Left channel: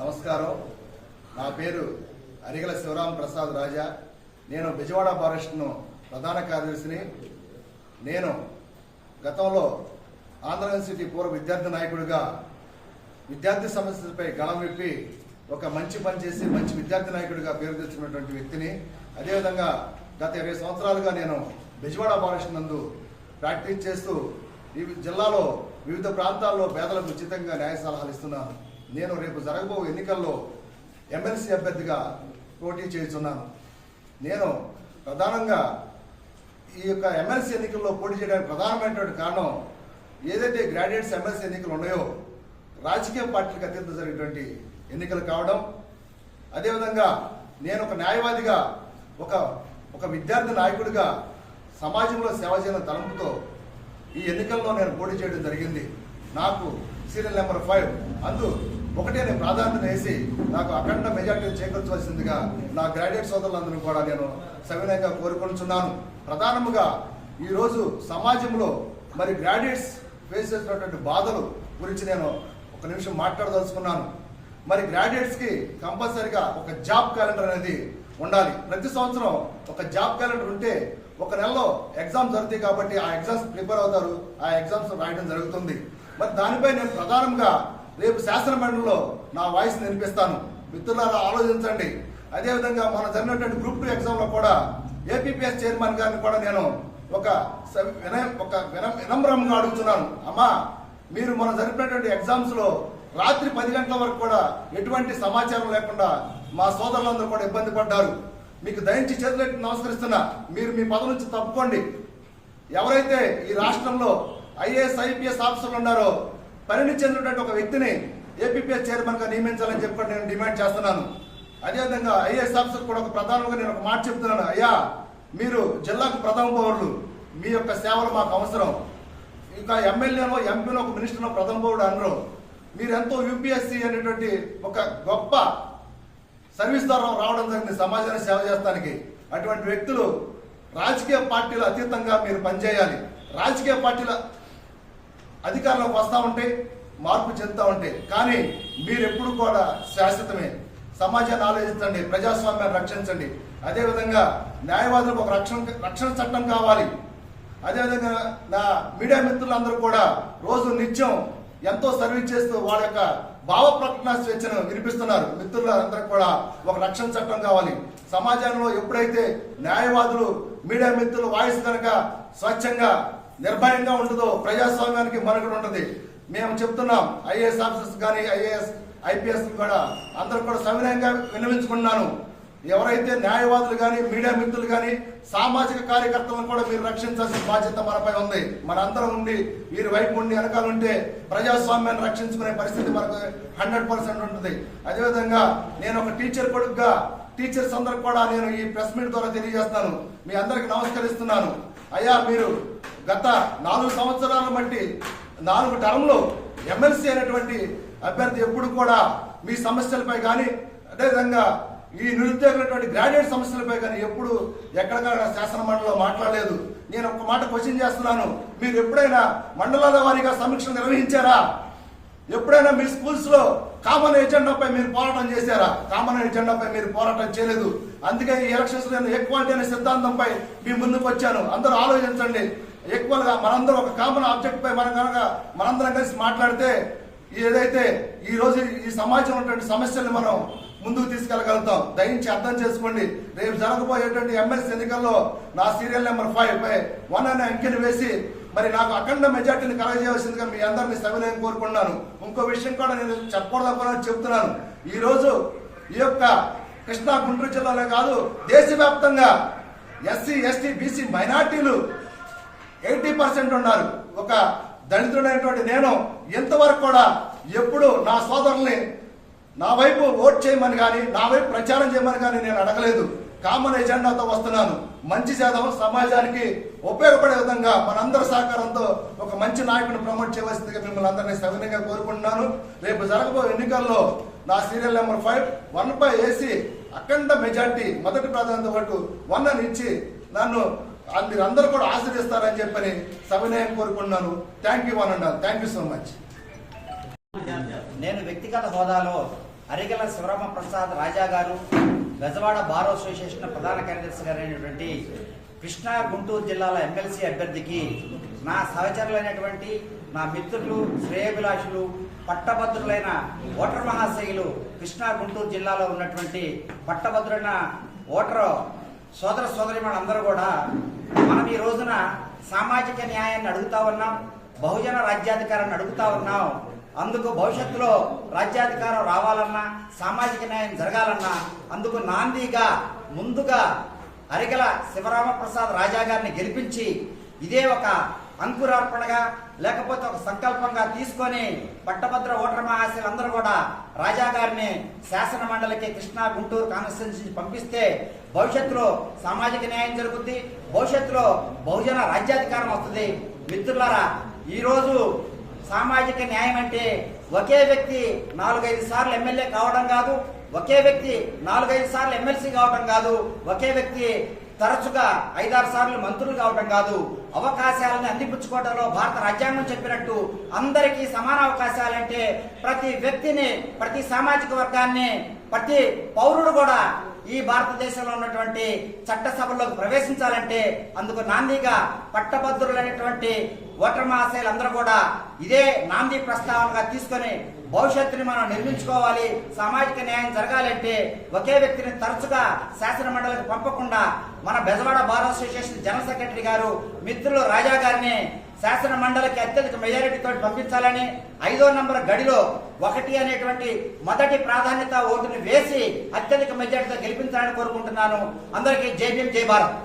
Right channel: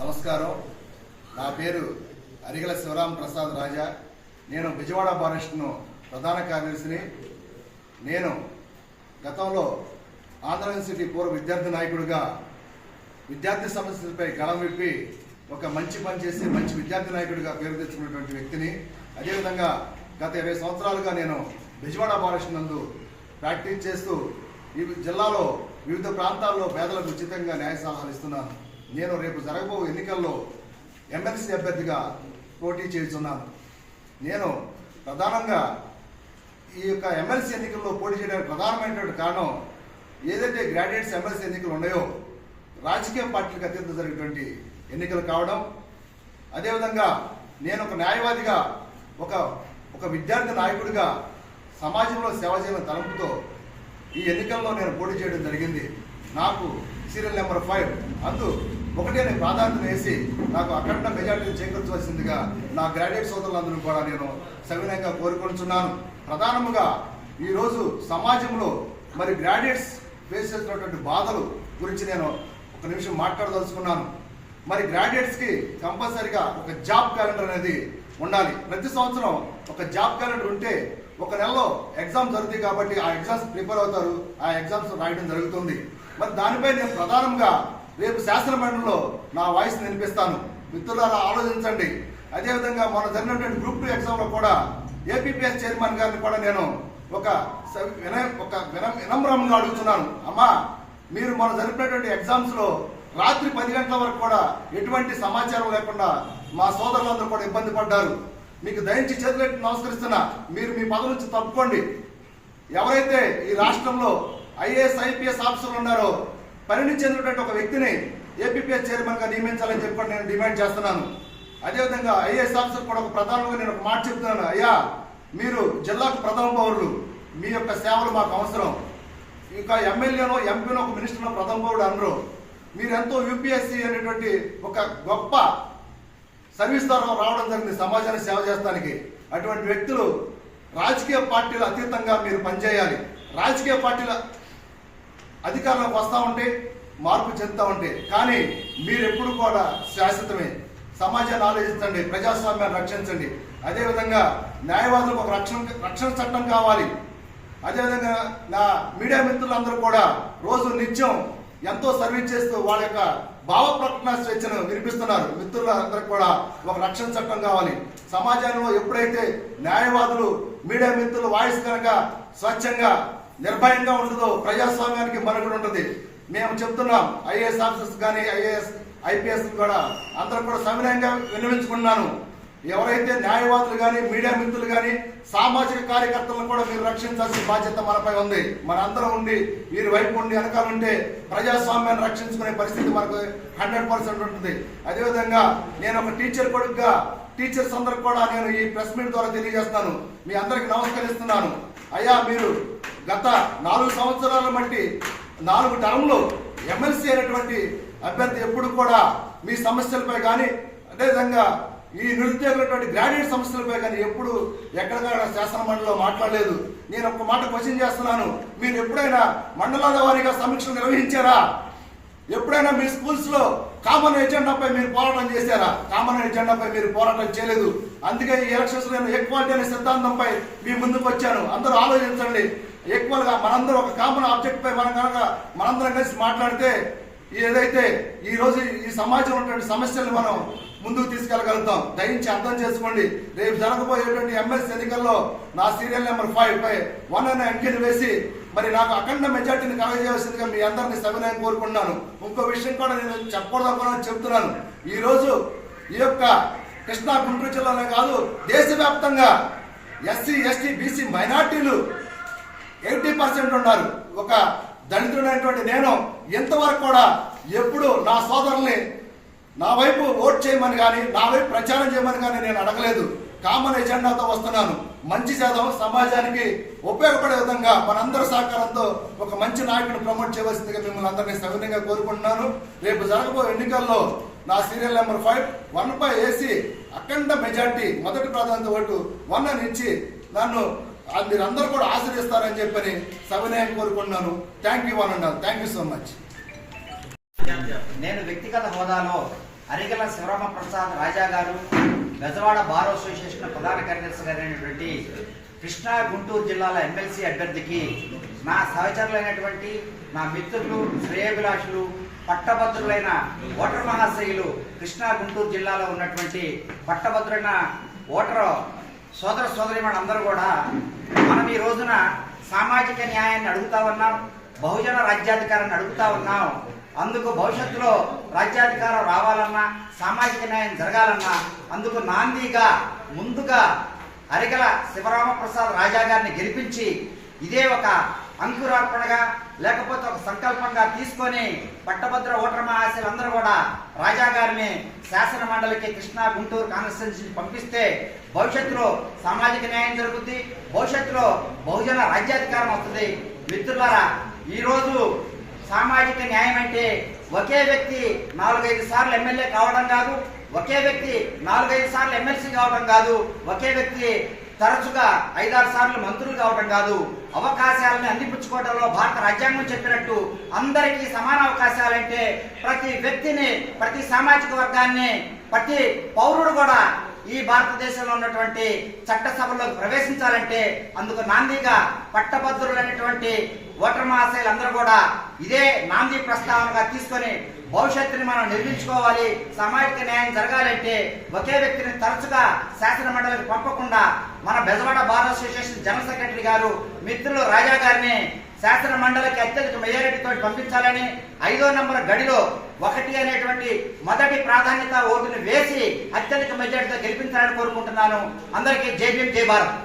నమస్కారం. నా పేరు అరిగల శివరాం ప్రసాద్ రాజా. నేను బిజవాడ ఫారెస్ట్ను ప్రధాన కార్యదర్శిని. నేను గతంలో ఆంధ్ర యూనివర్సిటీ పూర్వ విద్యార్థి నాయకుడిగా విద్యార్థి సమస్యలపై గళం విప్పి ఒక మంచి పని చేసి మంచి విద్యార్థి నాయకుడిగా పేరు తెచ్చుకున్నటువంటి వ్యక్తిని. అదేవిధంగా గత 20 సంవత్సరాలుగా నేను బిజవాడ ఫారెస్ట్ నందు ప్రాక్టీస్ చేస్తూ ఈ జిల్లాలో వివిధ ప్రాంతాల్లో పేదలకు ఉచితంగా న్యాయ సలహాలు ఇస్తున్నాను. నేను రేపు జరగబో ఎన్నికల్లో ఎమ్మెల్సీ అభ్యర్థిగా పోటీ చేస్తున్నాను. నేను ప్రధానంగా ఈ యొక్క ఎమ్మెల్సీ ఎన్నికల్లో పోటీ చేయడానికి ప్రధానమైనటువంటి కారణం ఏదైతే గ్రాడ్యుయేట్స్ ఎమ్మెల్సీ ఎన్నికలు ఉన్నాయో రాజకీయ పార్టీలకు అత్యంత జరిగినటువంటి ఎన్నికలు కావడం, అదేవిధంగా నేను ఒక న్యాయవాదిగా ఒక విద్యార్థి నాయకుడిగా సమాజంలో సేవ చేయడం తలంపుతో ఈ ఎన్నికల్లో నేను పోటీ చేయడం జరిగింది. నాకు సీరియల్ నెంబర్ 5 అందు ఒకటే నేను ప్రాధాన్యత వేసి నాకు అఖండ మెజార్టీని చేకూర్చవలసిందిగా నా గ్రాడ్యుయేట్ సోదరులందరూ కూడా నేను సవినయంగా కోరుకుంటున్నాను. ప్రధానంగా ఈరోజు సమాజంలో మరి గ్రాడ్యుయేట్స్ ఫేస్ చేసినటువంటి బాధలు గురించి నేను ఒక నిమిషం మాట్లాడదలుచుకున్నాను. మరి గ్రాడ్యుయేట్స్కి కంపల్సరిగా ఒక జాబ్ క్యాలెండర్ అనేది ఉండాలి. ప్రతి సంవత్సరం ఒక జాబ్ క్యాలెండర్ ఉంటే ఒక నెలలో ఎగ్జామ్ జరుగుతాయి కాబట్టి ఆ ఎగ్జామ్స్ ప్రిపేర్ అవుతారు, ఆ ఎగ్జామ్స్ రాయడం జరుగుతుంది. మరి దానిపై నేను ప్రధానంగా రేపు శాసనమండలిలో నా వాయిస్ వినిపిస్తాను. మిత్రులారా ఆలోచించండి. అదేవిధంగా మన జరిగినటువంటి గ్రూప్ 2 ఎగ్జామ్లో కూడా ఏపీపీఎస్ చైర్మన్ గారిని కూడా నేను ఒక వినమ్రంగా అడుగుతున్నాను. అమ్మా, మీరు మనం జరిపినటువంటి ఎగ్జామ్స్లో రాత్రి 10 గంటల వరకు కూడా ఎటువంటి సమాచారం లేకుండా మా సోదరులందరూ కూడా ఇబ్బంది పడ్డారు. మీకు దయించి చేతులెత్తి నమస్కరిస్తున్నా, మీరు మీ పదవి నుంచి తప్పుకోండి. ఎవరైతే ఈ రాష్ట్రంలో ఐఏఎస్ ఐపీఎస్ ఆఫీసర్లు ఉన్నారో పరిణితి చెందినటువంటి ఒక వ్యక్తిని ఏపీపీఎస్ చైర్మన్ గా నియమించాలని చెప్పి నేను డిమాండ్ చేస్తున్నాను. అదేవిధంగా ఐఏఎస్ ఆఫీసర్ కూడా ఒక ప్రధానంగా నేను ఒక మాట చెప్తున్నాను. అయ్యా, మీరు జిల్లాకు ప్రథమ పౌరులు, మీ యొక్క సేవలు మాకు అవసరం. ఇంకా ఎమ్మెల్యేనో ఎంపీనో ఒక మినిస్టర్నో ప్రథమ పౌరుడు అనరు. మీరు ఎంతో యూపీఎస్సీ అనేటువంటి ఒక గొప్ప సర్వీస్ ద్వారా రావడం జరిగింది సమాజానికి సేవ చేస్తానికి. అటువంటి వ్యక్తులు రాజకీయ పార్టీల అతీతంగా మీరు పనిచేయాలి. రాజకీయ పార్టీల అధికారంలోకి వస్తూ ఉంటే మార్పు చెందుతూ ఉంటే, కానీ మీరు ఎప్పుడు కూడా శాశ్వతమే. సమాజాన్ని ఆలోచించండి, ప్రజాస్వామ్యాన్ని రక్షించండి. అదేవిధంగా న్యాయవాదులకు ఒక రక్షణ చట్టం కావాలి. అదేవిధంగా నా మీడియా మిత్రులందరూ కూడా రోజు నిత్యం ఎంతో సర్వీస్ చేస్తూ వాళ్ళ యొక్క భావ ప్రకటన స్వేచ్ఛను వినిపిస్తున్నారు. మిత్రులందరికీ కూడా ఒక రక్షణ చట్టం కావాలి. సమాజంలో ఎప్పుడైతే న్యాయవాదులు మీడియా మిత్రుల వాయిస్ కనుక స్వచ్ఛంగా నిర్భయంగా ఉంటుందో ప్రజాస్వామ్యానికి మనుగడ ఉంటుంది. మేము చెప్తున్నాం, ఐఏఎస్ ఆఫీసర్స్ కానీ ఐపీఎస్ కూడా అందరూ కూడా సవినయంగా విన్నవించుకున్నాను. ఎవరైతే న్యాయవాదులు కానీ మీడియా మిత్రులు కానీ సామాజిక కార్యకర్తలను కూడా మీరు రక్షించాల్సిన బాధ్యత మనపై ఉంది. మనందరం ఉండి వీరి వైపు ఉండి వెనకాల ఉంటే ప్రజాస్వామ్యాన్ని రక్షించుకునే పరిస్థితి మనకు 100% ఉంటుంది. అదేవిధంగా నేను ఒక టీచర్ కొడుకుగా టీచర్స్ అందరూ కూడా నేను ఈ ప్రెస్ మీట్ ద్వారా తెలియజేస్తున్నాను. మీ అందరికి నమస్కరిస్తున్నాను. అయ్యా, మీరు గత 4 సంవత్సరాల బట్టి 4 టర్మ్లో ఎమ్మెల్సీ అయినటువంటి అభ్యర్థి ఎప్పుడు కూడా మీ సమస్యలపై కానీ అదేవిధంగా ఈ నిరుద్యోగులటువంటి గ్రాడ్యుయేట్ సమస్యలపై కానీ ఎప్పుడు ఎక్కడికక్కడ శాసన మండలిలో మాట్లాడలేదు. నేను ఒక మాట క్వశ్చన్ చేస్తున్నాను, మీరు ఎప్పుడైనా మండలాల వారీగా సమీక్షలు నిర్వహించారా? ఎప్పుడైనా మీ స్కూల్స్ లో కామన్ ఎజెండాపై మీరు పోరాటం చేశారా? కామన్ ఎజెండాపై మీరు పోరాటం చేయలేదు. అందుకే ఈ ఎలక్షన్స్ లో నేను ఈక్వాలిటీ అనే సిద్ధాంతంపై మీ ముందుకు వచ్చాను. అందరూ ఆలోచించండి. ఈక్వల్ గా మనందరం ఒక కామన్ ఆబ్జెక్ట్ పై మనందరం కలిసి మాట్లాడితే ఏదైతే ఈ రోజు ఈ సమాజంలో ఉన్నటువంటి సమస్యలను మనం ముందుకు తీసుకెళ్లగలుగుతాం. దయించి అర్థం చేసుకోండి. రేపు జరగబోయేటువంటి ఎమ్మెల్సీ ఎన్నికల్లో నా సీరియల్ నెంబర్ 5 పై 1 అనే అంకెను వేసి మరి నాకు అఖండ మెజార్టీని కలగజేయవలసిందిగా మీ అందరినీ సవినయం కోరుకుంటున్నాను. ఇంకో విషయం కూడా నేను చెప్పకూడదనుకున్నాను, చెప్తున్నాను. ఈ రోజు ఈ యొక్క కృష్ణా గుంటూరు జిల్లాలో కాదు, దేశవ్యాప్తంగా ఎస్సీ ఎస్టీ బీసీ మైనార్టీలు 80% ఉన్నారు. ఒక దళితుడైనటువంటి నేను ఇంతవరకు కూడా ఎప్పుడు నా సోదరుల్ని నా వైపు ఓట్ చేయమని కానీ నా వైపు ప్రచారం చేయమని కానీ నేను అడగలేదు. కామన్ ఎజెండాతో వస్తున్నాను. మంచి చేద్దాం, సమాజానికి ఉపయోగపడే విధంగా మనందరి సహకారంతో ఒక మంచి నాయకుడిని ప్రమోట్ చేయవలసిందిగా మిమ్మల్ని అందరినీ సవినయంగా కోరుకుంటున్నాను. రేపు జరగబోయే ఎన్నికల్లో నా సీరియల్ నెంబర్ 5 1 పై వేసి అఖండ మెజార్టీ మొదటి ప్రాధాన్యత ఓటు 1 అని ఇచ్చి నన్ను మీరందరూ కూడా ఆశీర్వదిస్తారని చెప్పని సవినయం కోరుకుంటున్నాను. Thank you one and all. Thank you so much. నేను వ్యక్తిగత హోదాలో అరిగల శివరామ ప్రసాద్ రాజా గారు, బెజవాడ బార్ అసోసియేషన్ ప్రధాన కార్యదర్శి గారైనటువంటి కృష్ణా గుంటూరు జిల్లాల ఎమ్మెల్సీ అభ్యర్థికి నా సహచరులైనటువంటి నా మిత్రులు, శ్రేయోభిలాషులు, పట్టభద్రులైన ఓటర్ మహాశయులు, కృష్ణా గుంటూరు జిల్లాలో ఉన్నటువంటి పట్టభద్రులైన ఓటర్ సోదర సోదరీమణులందరూ కూడా మనం ఈ రోజున సామాజిక న్యాయాన్ని అడుగుతా ఉన్నాం, బహుజన రాజ్యాధికారాన్ని అడుగుతా ఉన్నాం. అందుకు భవిష్యత్తులో రాజ్యాధికారం రావాలన్నా, సామాజిక న్యాయం జరగాలన్నా అందుకు నాందిగా ముందుగా అరిగల శివరామప్రసాద్ రాజా గారిని గెలిపించి ఇదే ఒక అంకురార్పణగా లేకపోతే ఒక సంకల్పంగా తీసుకొని పట్టభద్ర ఓటర్ మహాశయులందరూ కూడా రాజా గారిని శాసన మండలికి కృష్ణా గుంటూరు కాన్స్టిట్యున్సీ పంపిస్తే భవిష్యత్తులో సామాజిక న్యాయం జరుగుతుంది, భవిష్యత్తులో బహుజన రాజ్యాధికారం వస్తుంది. మిత్రులారా, ఈరోజు సామాజిక న్యాయం అంటే ఒకే వ్యక్తి 4-5 సార్లు ఎమ్మెల్యే కావడం కాదు, ఒకే వ్యక్తి 4-5 సార్లు ఎమ్మెల్సీ కావడం కాదు, ఒకే వ్యక్తి తరచుగా 5-6 సార్లు మంత్రులు కావడం కాదు. అవకాశాలను అందిపుచ్చుకోవడంలో భారత రాజ్యాంగం చెప్పినట్టు అందరికీ సమాన అవకాశాలంటే ప్రతి వ్యక్తిని, ప్రతి సామాజిక వర్గాన్ని, ప్రతి పౌరుడు కూడా ఈ భారతదేశంలో ఉన్నటువంటి చట్టసభల్లోకి ప్రవేశించాలంటే అందుకు నాందిగా పట్టభద్రులైనటువంటి ఓటర్ మహాశయులందరూ కూడా ఇదే నాంది ప్రస్తావనగా తీసుకొని భవిష్యత్తుని మనం నిర్మించుకోవాలి. సామాజిక న్యాయం జరగాలంటే ఒకే వ్యక్తిని తరచుగా శాసన మండలికి పంపకుండా మన Bezawada bar association general secretary గారు మిత్రులు రాజా గారిని శాసన మండలికి అత్యధిక మెజారిటీతో పంపించాలని 5వ నంబర్ గడిలో 1 అనేటువంటి మొదటి ప్రాధాన్యత ఓటుని వేసి అత్యధిక మెజారిటీతో గెలిపించాలని కోరుకుంటున్నాను. అందరికీ జై భీమ్, జై భారత్.